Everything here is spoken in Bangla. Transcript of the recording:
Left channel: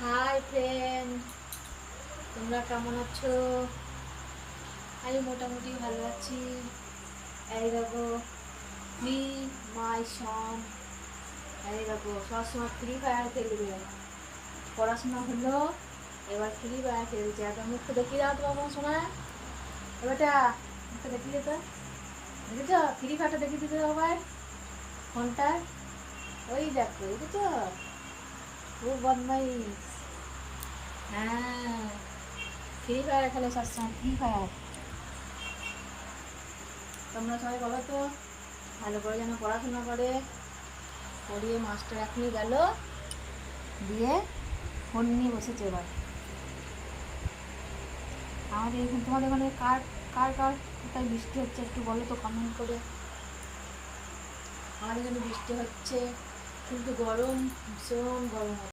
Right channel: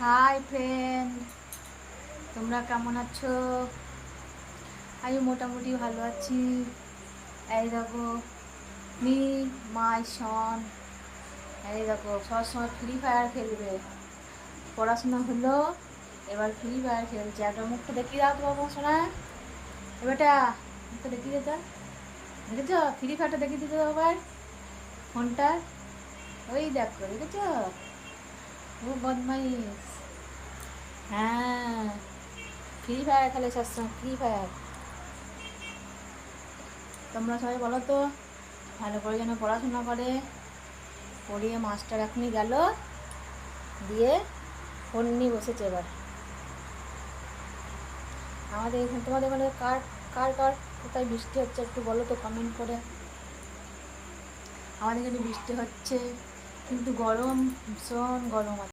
হাই ফ্রেন্ড, তোমরা কেমন আছো? আমি মোটামুটি ভালো আছি। এই দেখো, মি মাই সন, এই দেখো সবসময় ফ্রি ফায়ার খেলবে। পড়াশোনা হলো, এবার ফ্রি ফায়ার খেলছে। একদম মুখটা দেখিয়ে দাও তো বাবা শোনা। এবারটা মুখটা দেখিয়ে দিতে, দেখেছ? ফ্রি ফায়ারটা দেখিয়ে দিতে আবার ফোনটা। ওই দেখো, দেখেছ? খুব বদমাইশ। হ্যাঁ, ফ্রি ফায়ার খেলে সবসময়, ফ্রি ফায়ার। তোমরা সবাই বলো তো, ভালো করে যেন পড়াশোনা করে। পড়িয়ে মাস্টার এখনই গেল, দিয়ে ফোন নিয়ে বসেছে এবার। আমাদের এখানে, তোমাদের এখানে কার কার কার কোথায় বৃষ্টি হচ্ছে একটু বলো তো কমেন্ট করে। আমাদের এখানে বৃষ্টি হচ্ছে, কিন্তু গরম, ভীষণ গরম।